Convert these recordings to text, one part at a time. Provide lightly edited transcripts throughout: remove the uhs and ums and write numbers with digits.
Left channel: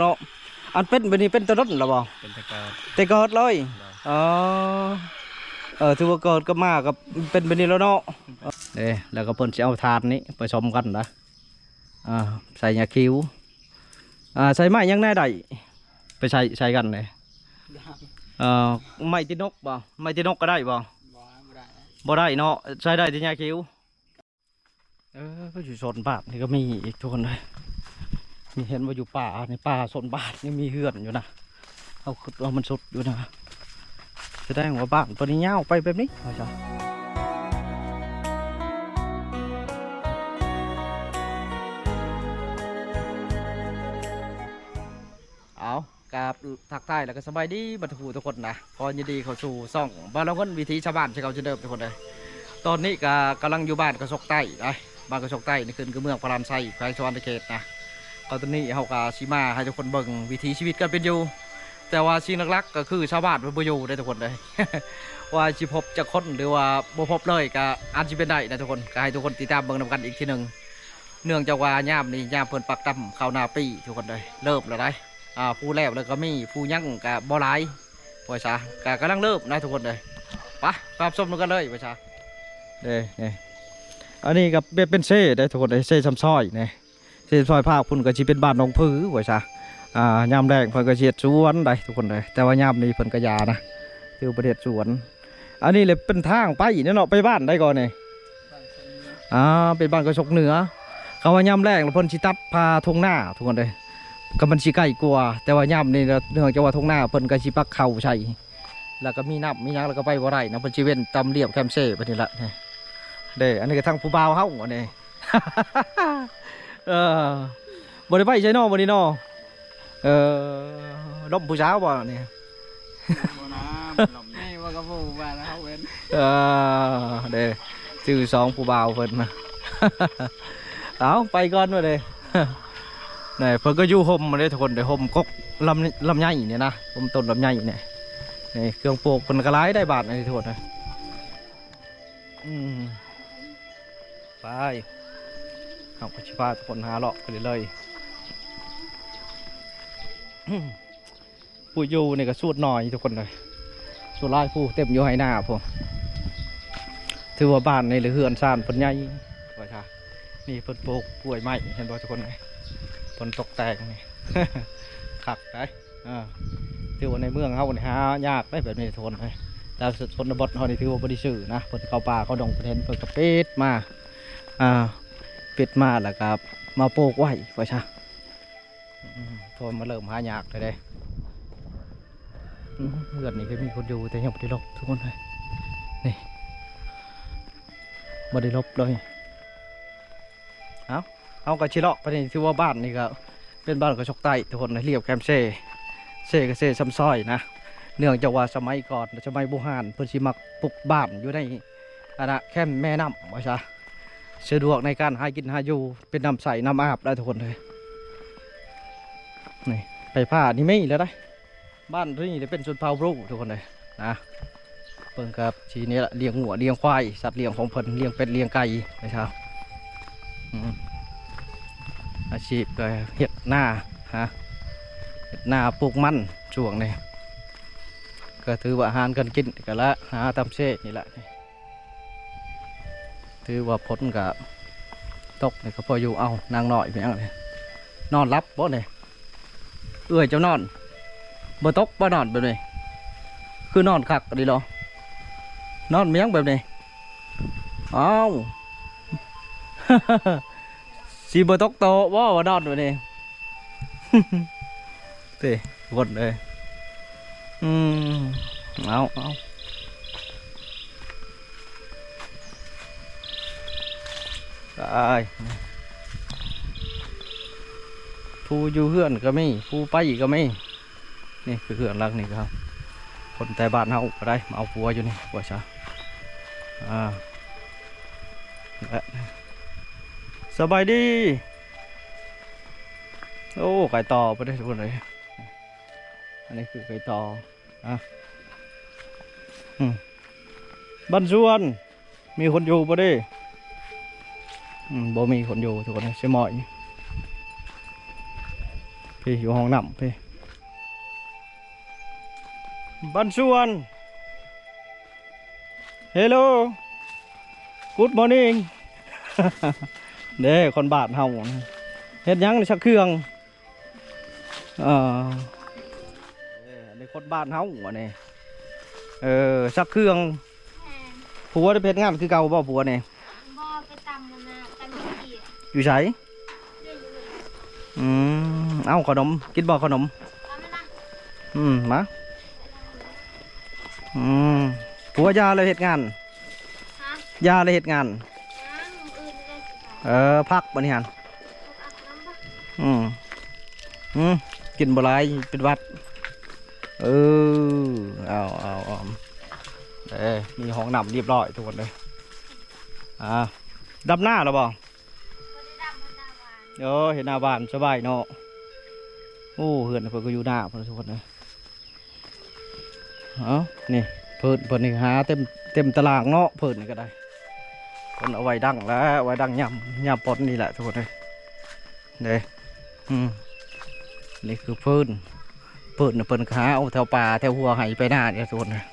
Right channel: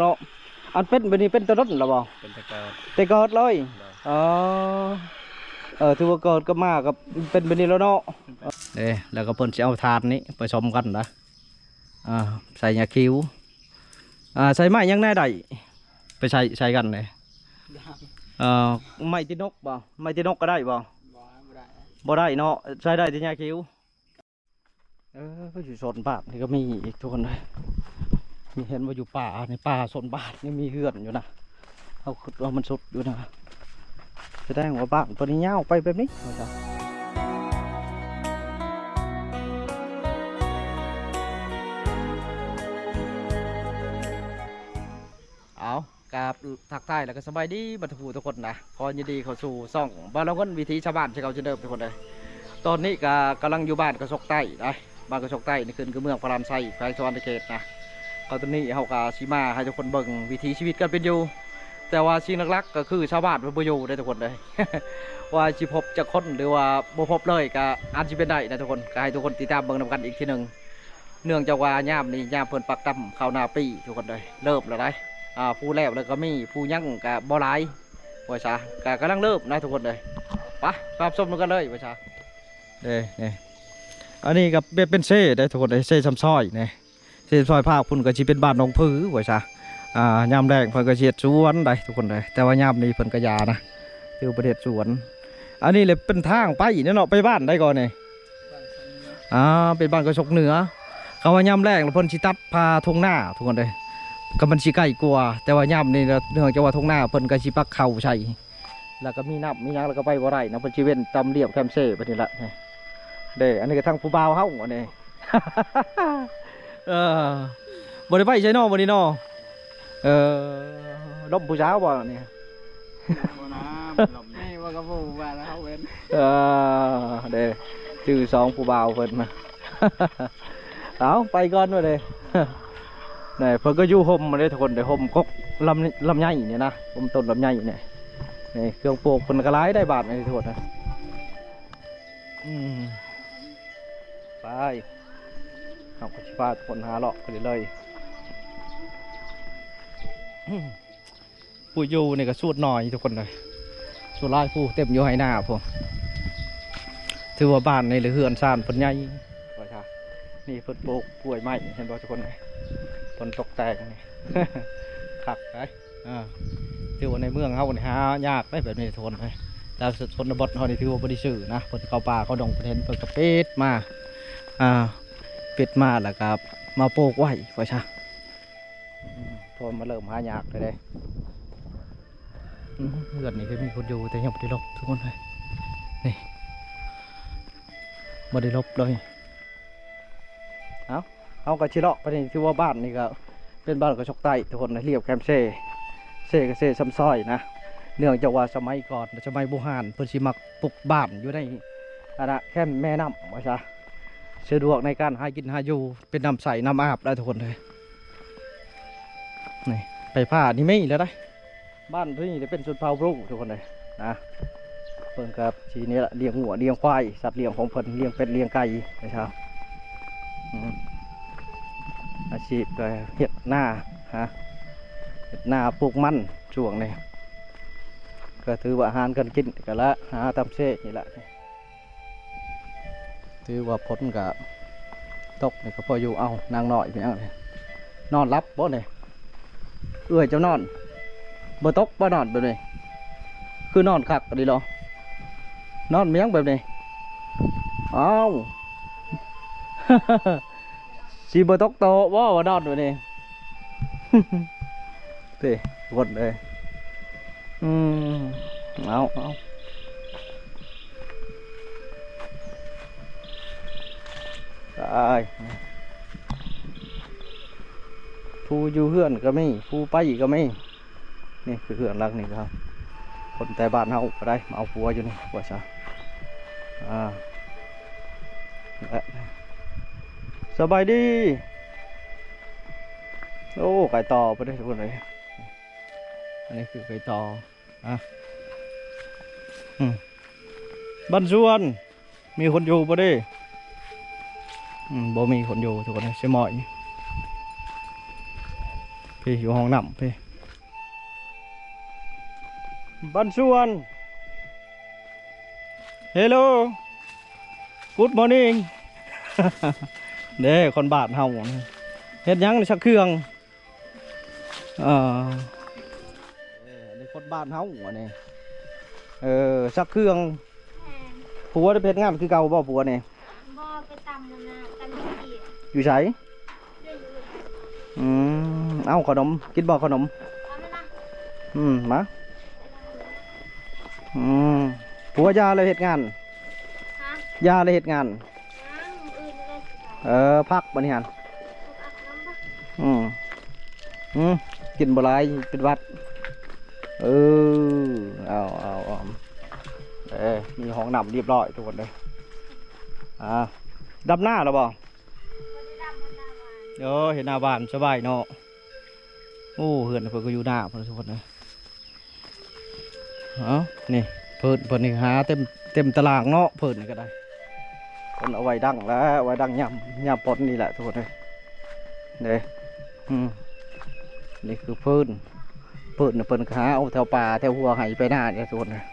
เนาะอันเป็นแบบนี้เป็นตะรถหรอบ่เป็นตะเกิดแต่เกิดเลยอ๋อถือว่าเกิดก็มากับเป็นแบบนี้แล้วเนาะแล้วก็เพิ่นจะเอาถาดนี้ผสมกันนะใส่ยาคิ้วใส่ไม้ยังแน่ได้ไปใส่กันเลยไม้ตีนกบ่ไม้ตีนกก็ได้บ่บ่ได้เนาะใช้ได้ที่ยาคิ้วก็อยู่โซนบ้านนี่ก็มีอีกทุกคนเลยมีเห็นว่าอยู่ป่าในป่าโซนบ้านนี่มีเฮือนอยู่นะเอามันสุดอยู่นะแสดงว่าบ้านตัวนี้ยาวไปแบบนี้เอาจ้ะเอากราบทักทายแล้วก็สบายดีบรรทุกทุกคนนะขอยินดีเข้าสู่ซ่องบ้านเราคนวิถีชาวบ้านที่เขาจะเดิมทุกคนเลยตอนนี้ก็กำลังอยู่บ้านกระสกใต้นะบ้านกระสกใต้นี่คือเมืองพารามไซแขวงสวรรณเขตนะตอนนี้เขาก็ชิมาให้ทุกคนเบิ่งวิถีชีวิตกันเป็นอยู่แต่ว่าสิ่งหลักๆก็คือชาวบ้านเป็นประโยชน์ได้ทุกคนเลย ว่าจะพบจะค้นหรือว่าบ่พบเลยก็อาจจะเป็นได้นะทุกคนก็ให้ทุกคนติดตามเบิ่งนำกันอีกทีหนึ่งเนื่องจากว่าย่ามนี่ย่ามเพิ่นปักตำข้าวนาปีทุกคนเลยเริ่มแล้วได้ผู้แล้วแล้วก็มีผู้ยั่งกับบ่หลายว่าซะก็กำลังเริ่มนะทุกคนเลยไปรับชมกันเลยว่าซะนี่อันนี้กับเป็นเซ่ได้ทุกคนเลยเซ่ซ้ำซ้อยนี่เซ่ซอยภาคพุ่นก็สิเป็นบ้านหนองผือว่าซะยามแดงเพิ่นก็เสียดสวนได้ทุกคนเลยแต่ว่ายามนี้เพิ่นก็ยานะคือประเทศสวนอันนี้เลยเป็นทางไปเนี่ยเนาะไปบ้านได้ก่อนนี่เป็นบ้านกระชกเหนือเขาว่ายามแรกเพิ่นสิตัดพาทงหน้าทุกคนเลยก็มันสิใกล้กว่าแต่ว่ายามนี่เนื่องจากว่าทงหน้าเพิ่นก็สิปักเข่าใช่แล้วก็มีน้ำมีหยังแล้วก็ไปบ่ได้นะเพิ่นสิเว้นตำเรียบแคมเซ่ไปนี่ละนี่อันนี้ก็ทางผู้บ่าวเฮาอันนี้ บ่ได้ไปใช่เนาะบ่นี่เนาะล้มผู้สาวบ่นี่ไม่ว่ากระปูบ้านเขาเว้นชื่อสองผู้บ่าวเพิ่นมาเอาไปก่อนมาเลยนี่เพิ่นก็อยู่ห่มมาเลยทุกคนเดี๋ยวห่มกกลำไยเนี่ยนะห่มต้นลำไยเนี่ยนี่เครื่องปลูกเพิ่นก็หลายได้บาทเลยทุกคนนะไปเอาไปชิพาทุกคนหาเลาะไปเลยผู้อยู่นี่ก็สูดหน่อยทุกคนเลยส่วนไล่ผู้เต็มอยู่ให้หน้าผมถือว่าบ้านในหรือเฮือนซานเพิ่นใหญ่ว่าจ้านี่เพิ่นปลูกกล้วยไม้เห็นบ่ทุกคนเลยเพิ่นตกแต่งนี่ ขักได้ถือว่าในเมืองเขาเนี่ยหายากได้แบบนี้ทุกคนเลยแต่ชนบทเขานี่ถือว่าบริสุทธิ์นะเพิ่นเข้าป่าเขาดงเพิ่นเห็นเพิ่นก็ปิดมาปิดมาแล้วก็มาปลูกไว้ว่าจ้าพอมาเริ่มหายากเลยเฮือนนี่ก็มีคนอยู่แต่ยังไม่ได้ลบทุกคนเลยนี่ไม่ได้ลบเลยเอากระชิเลาะไปนี่ที่ว่าบ้านนี่ก็เป็นบ้านกระชกใต้ทุกคนเรียบแคมเซ่ก็เซ่ซ้ำซ้อยนะเนื่องจากว่าสมัยก่อนสมัยโบราณเพิ่นสิมักปลูกบ้านอยู่ในแคมแม่น้ำว่าซะสะดวกในการหากินหาอยู่เป็นน้ำใสน้ำอาบได้ทุกคนเลยนี่ไปผ้านี่ไม่แล้วได้บ้านที่นี่จะเป็นชนเผ่าบรูทุกคนเลยนะเพิ่งกับทีนี้ละเลี้ยงหัวเลี้ยงควายสัตว์เลี้ยงของเพิ่นเลี้ยงเป็ดเลี้ยงไก่นะครับอาชีพก็เห็ดหน้าเห็ดหน้าปลูกมันช่วงนี้ก็ถือว่าอาหารกันกินกันละหาตำเช่นี่แหละถือว่าพ้นกับตกนี่ก็พออยู่เอานางหน่อยเพียงเลยนอนรับบ่เนี่ยเอื้อยเจ้านอนบ่ตกบ่นอนแบบนี้คือนอนคักก็ดีหรอนอนเมียงแบบนี้อ้าว สีบ่ตกโตบ่นอนแบบนี้ เตะกดเลยเอาได้ผู้อยู่เฮือนก็ไม่ผู้ไปก็ไม่นี่คือเฮือนหลังนี่ครับคนแต่บ้านเฮาก็ได้มาเอาผัวอยู่นี่ว่าซะสบายดีโอ้ไก่ต่อไปได้ทุกคนเลยอันนี้คือไก่ต่อบ้านสวนมีคนอยู่ปะดิบ่มีคนอยู่ทุกคนเลยใช่ไหม พี่อยู่ห้องน้ำพี่บ้านสวนเฮลโลกูดมอร์นิ่ง เด้คนบาดเฮาเฮ็ดหยังชักเครื่องอันนี้คนบ้านเฮาอันนี้ชักเครื่องผัวได้เพชรงานคือเก่าบ่ผัวนี่ บ่ไปตำมันนะตำขี้ อยู่ไสเอ้าขนมกินบ่ขนม เอามานะ มาผัวยาเลยเหตุงาน ฮะ ยาเลยเหตุงาน น้ำอื่นได้สิบ่ พักบัดนี้หั่น อาบน้ำปะ กินบ่หลายเป็นหวัดเอามีห้องน้ำเรียบร้อยทุกคนเลยดำหน้าหรอบ่ บ่ได้ดำมันหน้าหวาน เห็นหน้าบ้านสบายเนาะโอ้เฮือนเพิ่นก็อยู่หน้าเพิ่นทุกคนเลยนี่เพิ่นนี่หาเต็มตารางเนาะเพิ่นนี่ก็ได้เพิ่นเอาไว้ดังแล้วไว้ดังย่ำปนนี่แหละทุกคนเลยนี่นี่คือเพิ่นน่ะเพิ่นหาเอาแถวป่าแถวหัวไห้ไปหน้าเนี่ยทุกคนเลย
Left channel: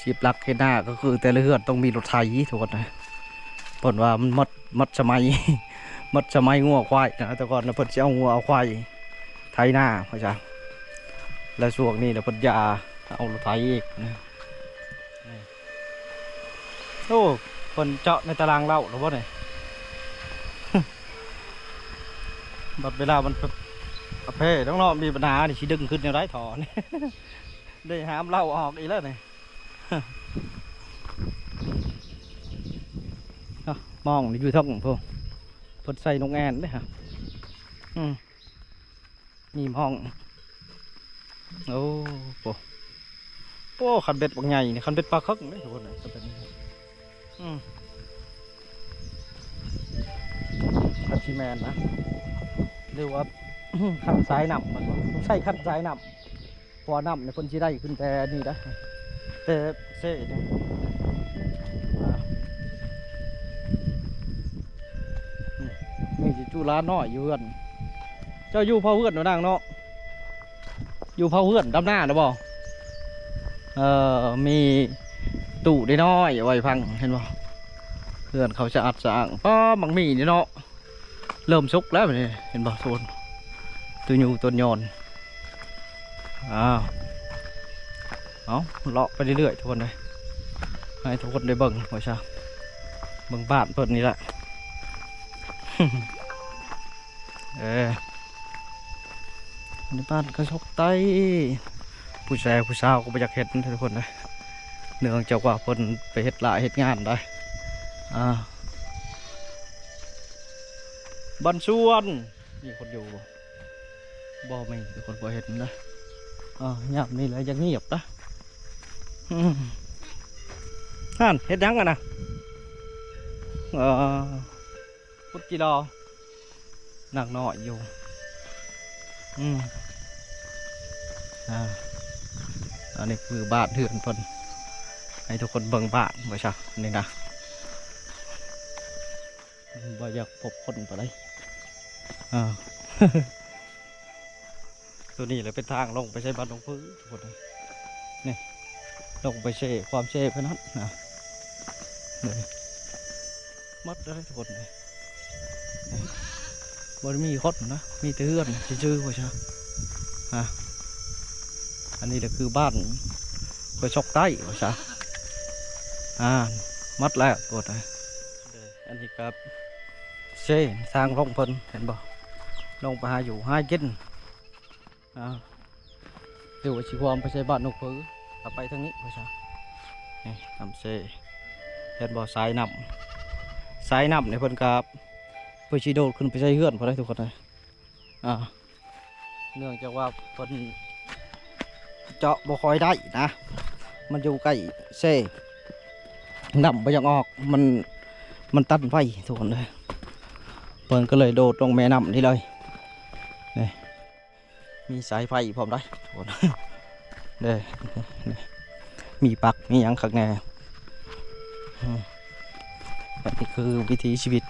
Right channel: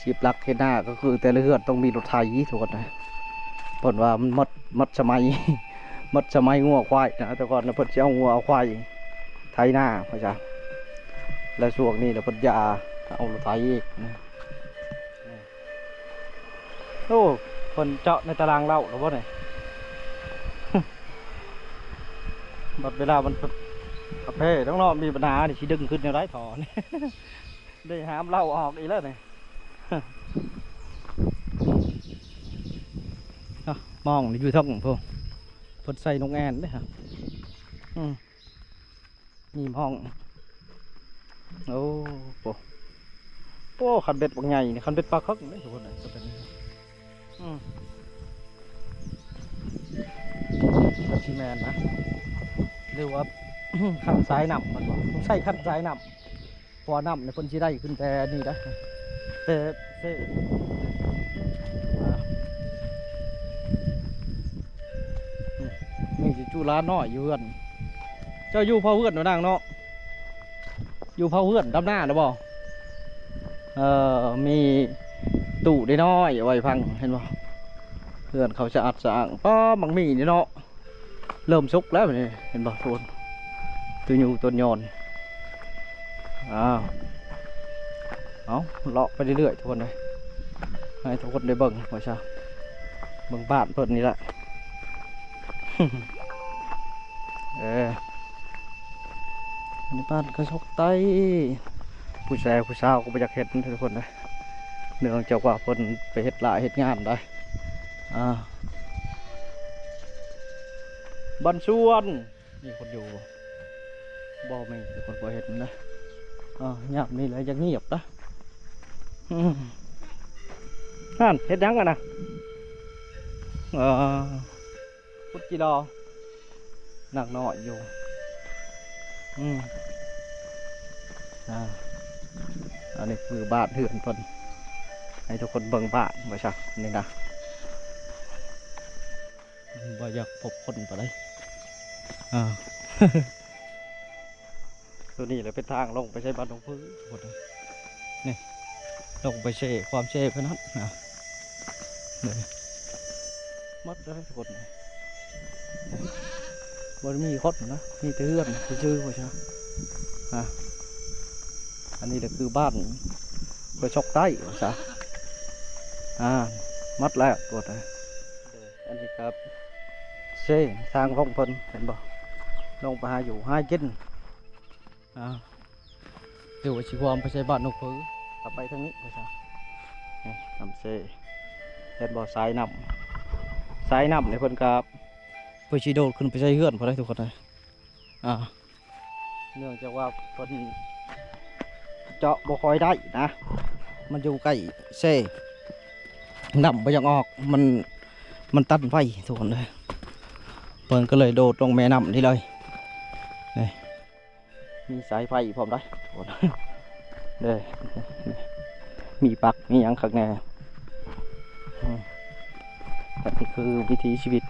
ชีพหลักเห็นหน้าก็คือแต่ละเฮือนต้องมีรถไถทุกคนเลยเพิ่นว่ามันมัดสมัย มัดสมัยงัวควายนะแต่ก่อนนะเพิ่นจะเอางัวเอาควายไถหน้าพ่อจ้าแล้วช่วงนี้นะเพิ่นยาเอารถไถอีกนะโอ้เพิ่นเจาะในตารางเล่าหรือว่าไง บัดเวลามันประเภทต้องรอมีปัญหาดิชิดึงขึ้นในไร้ถอน ได้หามเล่าออกอีกแล้วนี่ มองนี่อยู่ท้องพวกเพิ่นใส่นกแอ่นด้วยฮะมีห้องโอ้โหคันเบ็ดบางใหญ่นี่คันเบ็ดปลาคึกนี่ทุกคนเลยจะเป็นคันชีแมนนะเรียกว่า คันสายนำมันว่าต้องใช้คันสายนำพอนำในเพิ่นสิได้ขึ้นแต่นี่ได้แต่เซ่นี่จูร้านน้อยอยู่เฮือนเจ้าอยู่เผาเฮือนหนูนางเนาะอยู่เผาเฮือนดำหน้าหรือเปล่ามีตู้ได้น้อยไว้พังเห็นบ่เฮือนเขาจะอัดสางป้าบังมีนี่เนาะเริ่มสุกแล้วนี่เห็นบ่โซนตัวยูตัวยอนเอาเลาะไปเรื่อยๆทุกคนเลยให้ทุกคนได้เบิ่งว่าใช่เบิ่งบ้านเพิ่นนี่แหละ ในบ้านกระชกไตผู้ชายผู้สาวก็ไปจากเห็ดทุกคนเลยเนื่องจากว่าเพิ่นไปเห็ดหลายเห็ดงานได้บ้านสวนมีคนอยู่บ่ไม่คือคนบ่เห็ดนะเงียบนี่เลยยังเงียบนะนั่นเห็ดยังกันนะพุทธจีรอหนักหน่อยอยู่อันนี้คือบ้านเถื่อนเพิ่นให้ทุกคนเบิ่งบ้านบ่ใช่นี่นะบ่อยากพบคนไปเลยตัวนี้เลยเป็นทางลงไปใช้บ้านลงพื้นทุกคนเลยนี่ลงไปเช่ความเช่เพื่อนนั้นนะนี่มัดได้ทุกคนเลยบ่มีคดนะมีแต่เฮือนชื่อๆบ่ใช่อันนี้ก็คือบ้านกระชกใต้บ่ใช่มัดแล้วกดเลยอันนี้ครับเช่สร้างลงเพิ่นเห็นบ่ลงไปหาอยู่หากินเดี๋ยวชีวามไปใช้บ้านนกพื้กลับไปทางนี้บ่ใช่นี่ทำเช่เห็นบ่สายน้ำในเพิ่นกับเพื่อชีโดดขึ้นไปใช้เฮือนพอได้ทุกคนเลยเนื่องจากว่าเพิ่นเจาะบ่ค่อยได้นะมันอยู่ใกล้เช่น้ำไปยังออกมันตันไฟทุกคนเลยเพิ่นก็เลยโดดลงแม่น้ำนี่เลยนี่มีสายไฟพร้อมได้ทุกคนเด้มีปักมีหยังข้างในนี่คือวิถีชีวิต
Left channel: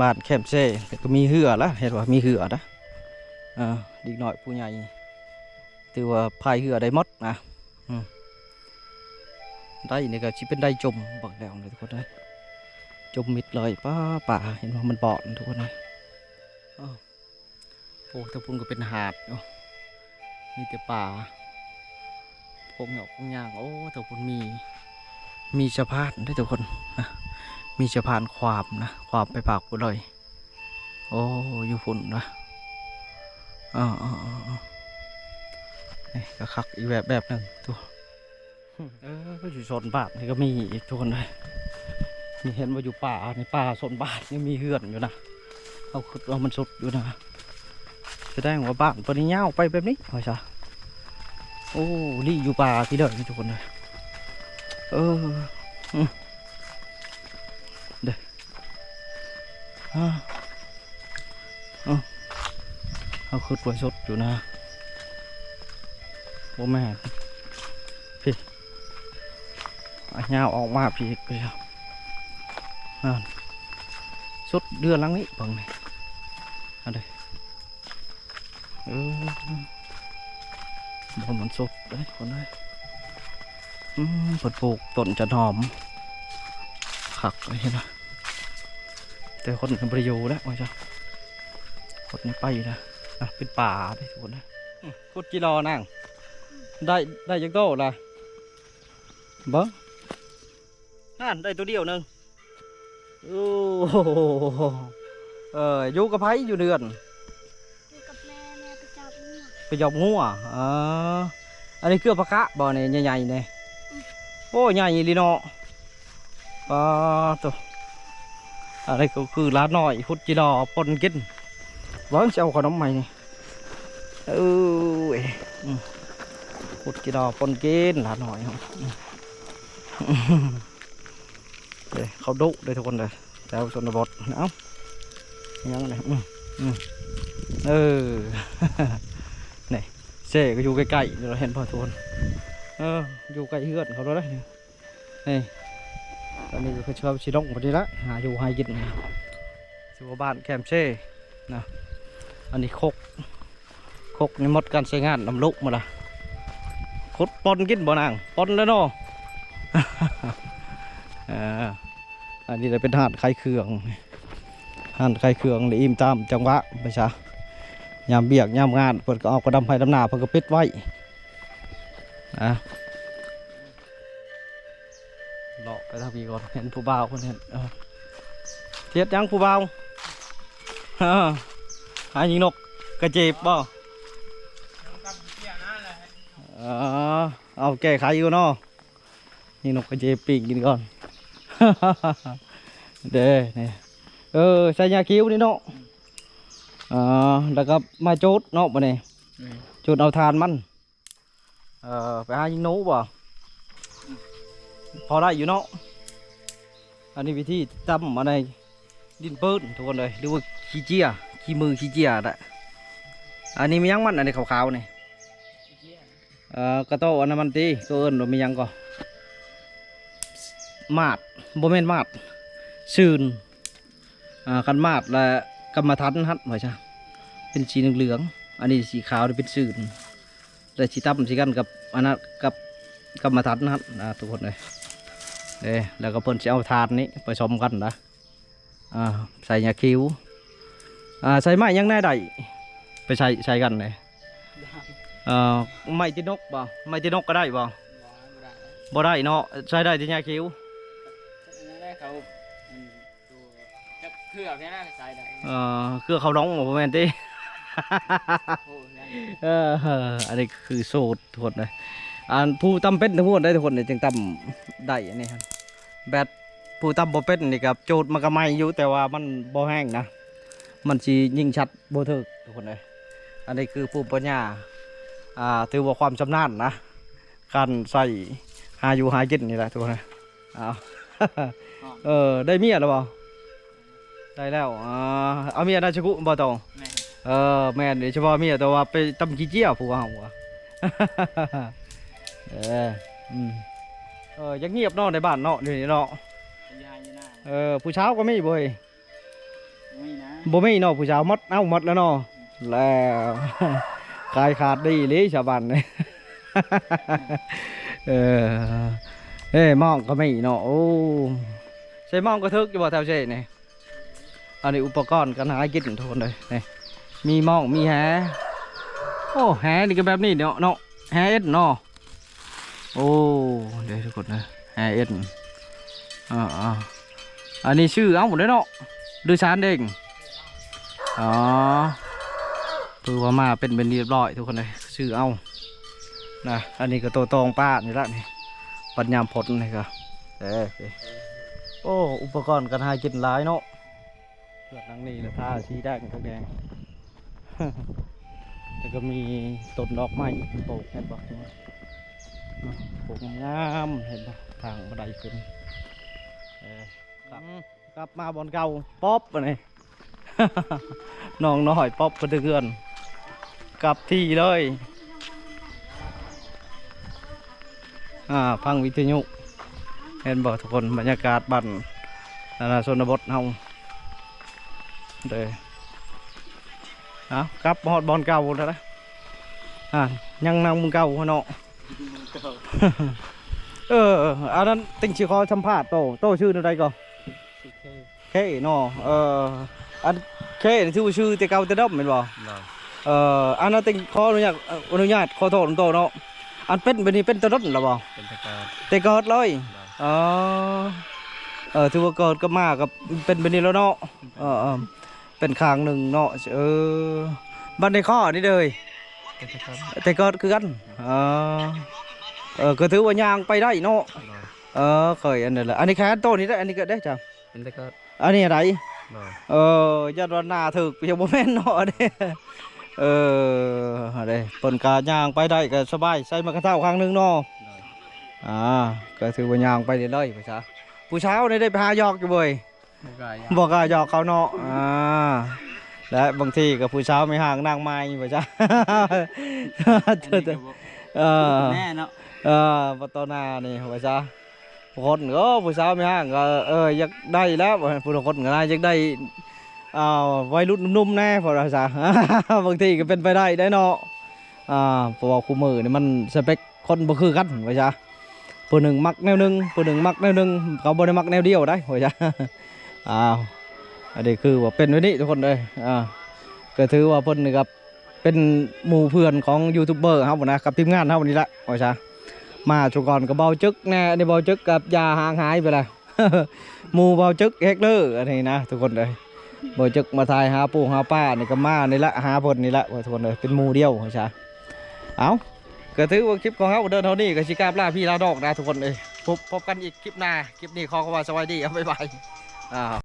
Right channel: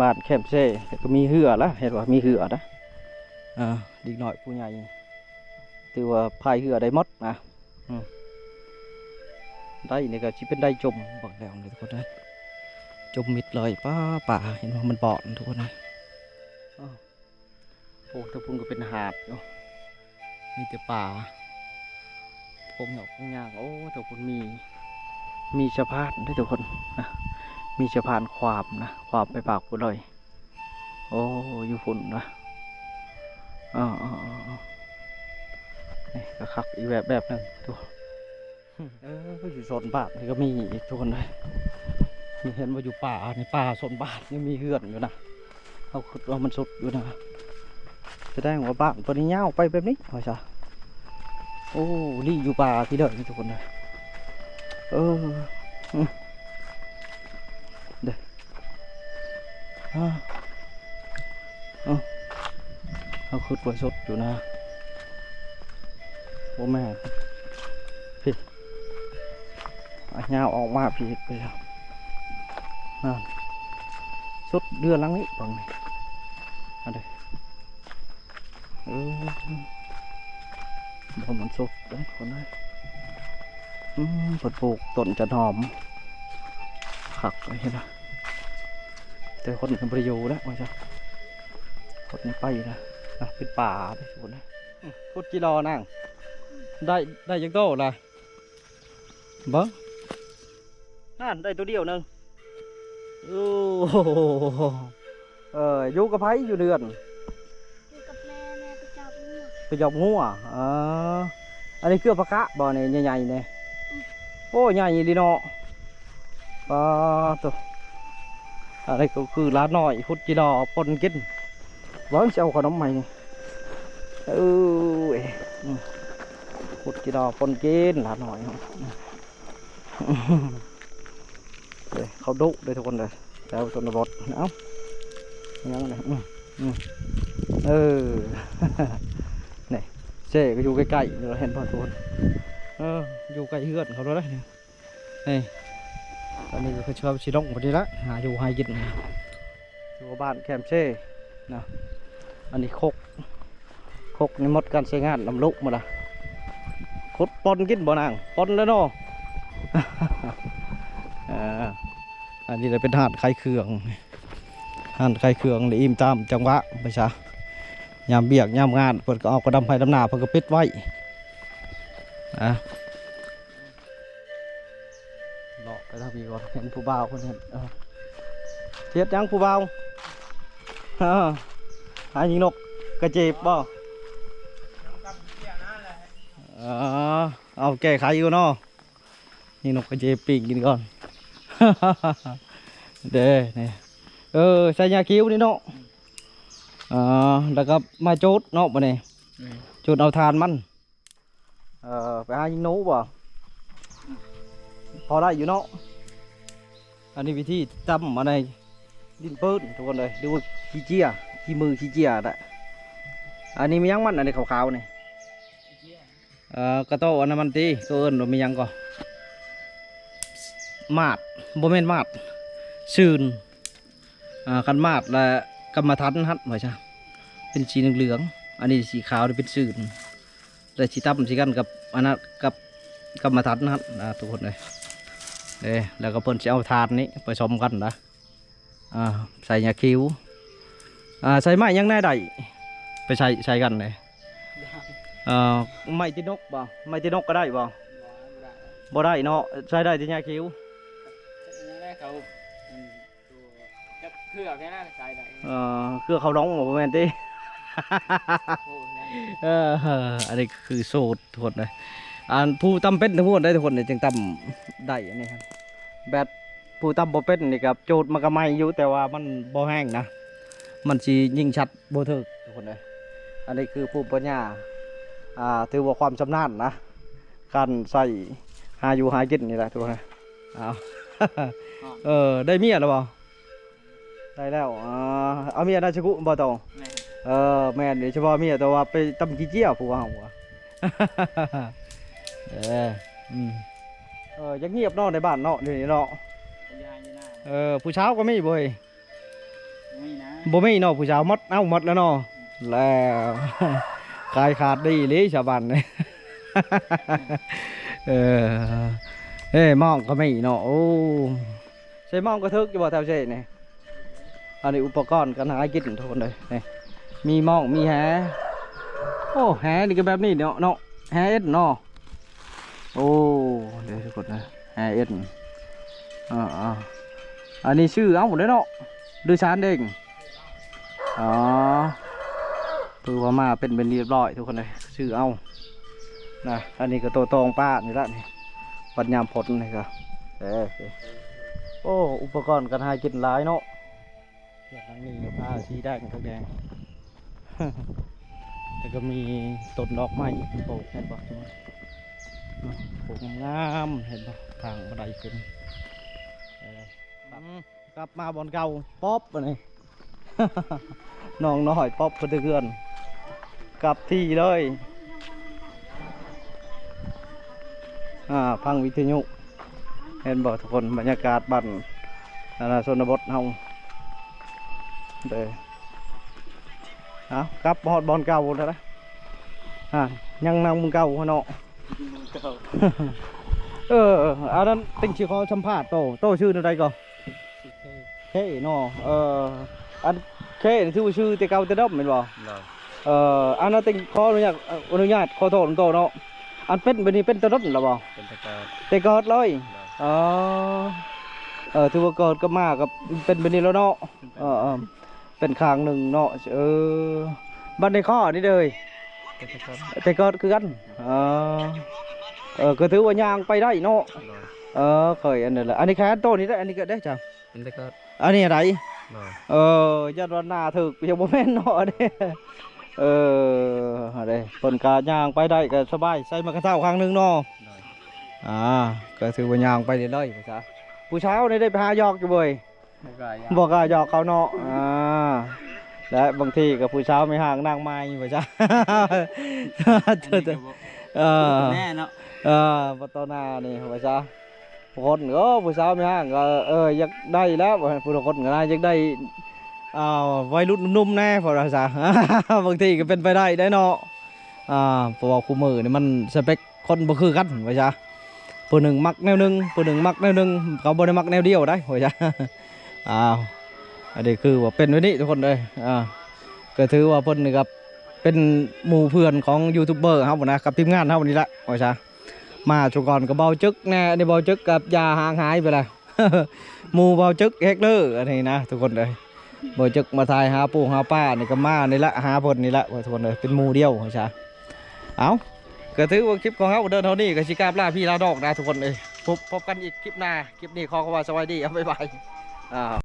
บ้านแคมเซ่ก็มีเหือละเห็นว่ามีเหือนะดีหน่อยผู้ใหญ่ถือว่าพายเหือได้หมดนะได้นี่ก็ชิเป็นได้จมบักแล้วเลยทุกคนนะจมมิดเลยป่าเห็นว่ามันบอดทุกคนนะโอ้ตะพุงก็เป็นหาดมีแต่ป่าผมหยอกยางโอ้ตะพุงมีสะพานด้วยทุกคนนะมีสะพานความนะความไปปากกูเลยโอ้อยู่ฝุ่นนะนี่ก็คักอีกแบบหนึ่งตัวก็อยู่โซนบ้านนี่ก็มีอีกทุกคนเลยมีเห็นว่าอยู่ป่าในป่าโซนบ้านยังมีเฮือนอยู่นะเอาขุดว่ามันสุดอยู่นะแสดงว่าบ้านปนี้เงาไปแบบนี้เหรอจ๊ะโอ้ลี่อยู่ป่าพี่เด้อทุกคนเลยเด้อเอาขุดไว้สุดอยู่นะโอ้แม่พี่เงาออกมาพี่ไปแล้วสุดเดือนลังนี้บังนี่อันเดบนมันสุดเลยคนเลยผลปลูกต้นจะหอมขักอะไรนะแต่คนมันประโยชน์แล้วว่าจ้ะคนนี้ไปนะเป็นป่าไปทุกคนนะพุดจีรอนั่งได้ยังโตละบ่นั่นได้ตัวเดียวนึงโอ้อยู่กับไผอยู่เดือนอยู่กับแม่ไปจับงู ไปจับงูอันนี้คือปลากะบ่อนี่ใหญ่ๆเนี่ยโอ้ใหญ่ลีเนาะตัวอะไรก็คือร้านหน่อยพุดจีรอปนกินร้อนเจ้าขนมใหม่นี่พุดจีรอปนกินร้านหน่อยเขาดุเลยทุกคนเลยแล้วชนบทเอ้ายังไงนี่เซ่ก็อยู่ใกล้ๆเราเห็นพอทุกคนอยู่ใกล้เฮือนเขาแล้วนี่ตอนนี้ก็เชื่อชิดงพอดีละหาอยู่หากินอยู่บ้านแคมเซ่นะอันนี้คกนี่หมดการใช้งานลำลุกมาละคดปนกินบ่นางปนแล้วเนาะอันนี้เลยเป็นหาดไข่เคืองเลยอิ่มตามจังหวะไปซะยามเบียกยามงานเปิดก็เอากระดำไผ่ดำหนาเปิดก็ปิดไว้หลอกไปทางพี่ก่อนเห็นผู้บ่าวคนเห็นเทียดยังผู้บ่าวหายิงนกกระเจ็บบ่เอาแก้ไขอยู่เนาะยิงนกกระเจ็บปีกกินก่อนเด้เนี่ยใส่ยาคิ้วนี่เนาะแล้วก็มาโจดเนาะมาเนี่ยโจดเอาทานมันไปหายิงหนูบ่พอได้อยู่เนาะอันนี้วิธีจำมาในดินปืนทุกคนเลยดูว่าขี้เจียขี้มือขี้เจียได้อันนี้มียังมันอันนี้ขาวๆนี่กระโตอันนั้นมันตีตัวอื่นเรามียังก็มาดโบเมนมาดซื่นกันมาดและกรรมฐานฮัดเหมือนใช่เป็นสีเหลืองอันนี้สีขาวนี่เป็นซื่นและสีตั้มสีกันกับอันนั้นกับกรรมฐานฮัดทุกคนเลยแล้วก็เพิ่นจะเอาทานนี้ผสมกันนะใส่ยาคิ้วใส่ไม้ยังแน่ได้ไปใส่กันเลยไม้ตีนกบ่ไม้ตีนกก็ได้บ่บ่ได้เนาะใช้ได้ที่ยาคิ้วได้เขาตัวเครือแค่นั้นใส่ได้เครือเขาร้องหมดแม่นตีอันนี้คือโซดทุกคนเลยผู้ตำเป็นทุกคนได้ทุกคนเลยจึงตำได้อันนี้ครับแบบผู้ตำบ่เป็นนี่กับโจดมันก็ไม่อยู่แต่ว่ามันบ่แห้งนะมันสียิงชัดบ่ถึกทุกคนเลยอันนี้คือผู้ปัญญาถือว่าความชำนาญนะการใส่หาอยู่หากินนี่แหละทุกคนได้เมียหรือเปล่าได้แล้วเอาเมียได้ชักุบ่ตองแม่เดี๋ยวเฉพาะเมียแต่ว่าไปตำขี้เจี๊ยบผู้ว่าหัวยังเงียบเนาะในบ้านเนาะเดี๋ยวนี้เนาะผู้เช้าก็ไม่บ่อย ไม่นะ บ่มีเนาะผู้สาวหมดเอ้าหมดแล้วเนาะแล้ว ขายขาดดีเลยชาวบ้านเนี่ย เออเฮ้ยมองก็ไม่เนาะโอ้ใช้มองก็ทึกอยู่บ่แถวเช่นี่อันนี้อุปกรณ์การหากินทุกคนเลยนี่มีมองมีแหโอ้แหนี่ก็แบบนี้เนาะแหเอ็ดเนาะโอ้เดี๋ยวทุกคนนะแหเอ็ดอันนี้ชื่อเอาหมดเลยเนาะดูชานเด้งอ๋อคือว่ามาเป็นเรียบร้อยทุกคนเลยชื่อเอานะอันนี้ก็ตัวตองป้านี่ละนี่ปัญญามพดนี่ก็โอ้อุปกรณ์การหากินหลายเนาะเลือดนังนี่นะท่าสีแดงทักแดง แต่ก็มีต้นดอกไม้ปลูกเห็นปะปลูกงามเห็นปะทางบันไดขึ้นกลับมาบอนเก่าป๊อปอันนี้ น้องน้อยป๊อปเพื่อนกลับที่เลยพังวิทยุเห็นบอกทุกคนบรรยากาศบ้านชนบทเฮาเด้กลับฮอดบอลเก่าแล้วนะยังนั่งมึงเก่าเนาะ อันนั้นติงชื่อเขาสัมภาษณ์โตชื่ออะไรก่อนเคเนาะอันเคชื่อแต่เก่าแต่ดำเห็นบ่อันนั้นติงขออนุญาตขอโทษโตเนาะอันเป็นแบบนี้เป็นตะดดหรอบ่เป็นแต่เกิดเลยถือว่าเกิดก็มากับเป็นแบบนี้แล้วเนาะเป็นคางหนึ่งเนาะบ้านในข้อนี่เลยแต่เกิดคือกันก็ถือว่ายางไปได้เนาะเคยอันนี้แหละอันนี้แค่ต้นนี้ได้อันนี้เกิดได้จ้ะเป็นแต่ก็อันนี้อะไรยัดวันนาถึกยังบ่แม่นเนาะเนี่ยอะไรเปิ่นกายางไปได้ก็สบายใส่มากระเท่าครั้งหนึ่งเนาะก็ถือว่ายางไปเรื่อยๆไปซะผู้เช้านี่ได้ไปหายอกอยู่บ่อยบอกหยอกเขาเนาะและบางทีกับผู้เช้าไม่ห่างนางไม้ไปซะแน่เนาะปัตตนานี่ไปซะคนก็ผู้สาวไม่ห่างก็อยากได้แล้วผู้คนก็ได้อยากได้วัยรุ่นนุ่มๆแน่พอเราซะบางทีก็เป็นไปได้เนาะเพราะว่าคู่มือนี่มันสเปคคนบ่คือกันไปซะผู้หนึ่งมักแนวหนึ่งผู้หนึ่งมักแนวหนึ่งเขาบ่ได้มักแนวเดียวได้ไปซะอันนี้คือว่าเป็นวันนี้ทุกคนเลยก็ถือว่าเพิ่นนี่ครับเป็นหมู่เพื่อนของยูทูบเบอร์ครับนะกับทีมงานครับวันนี้ละไปซะมาชุก่อนก็เบาจึกแน่ในเบาจึกกับยาห่างหายไปเลย หมู่เบาจึกเฮกเลอร์อันนี้นะทุกคนเลยเบาจึกมาทายหาปู่หาป้านี่ก็มานี่ละหาเพิ่นนี่ละทุกคนเลยเป็นหมู่เดียวใช่เอาก็ถือว่าคลิปของเขาเดินเท่านี้ก็ชิกาบลาพี่ลาดอกนะทุกคนเลยพบกันอีกคลิปหน้าคลิปนี้ขอว่าสวัสดีบ๊ายบาย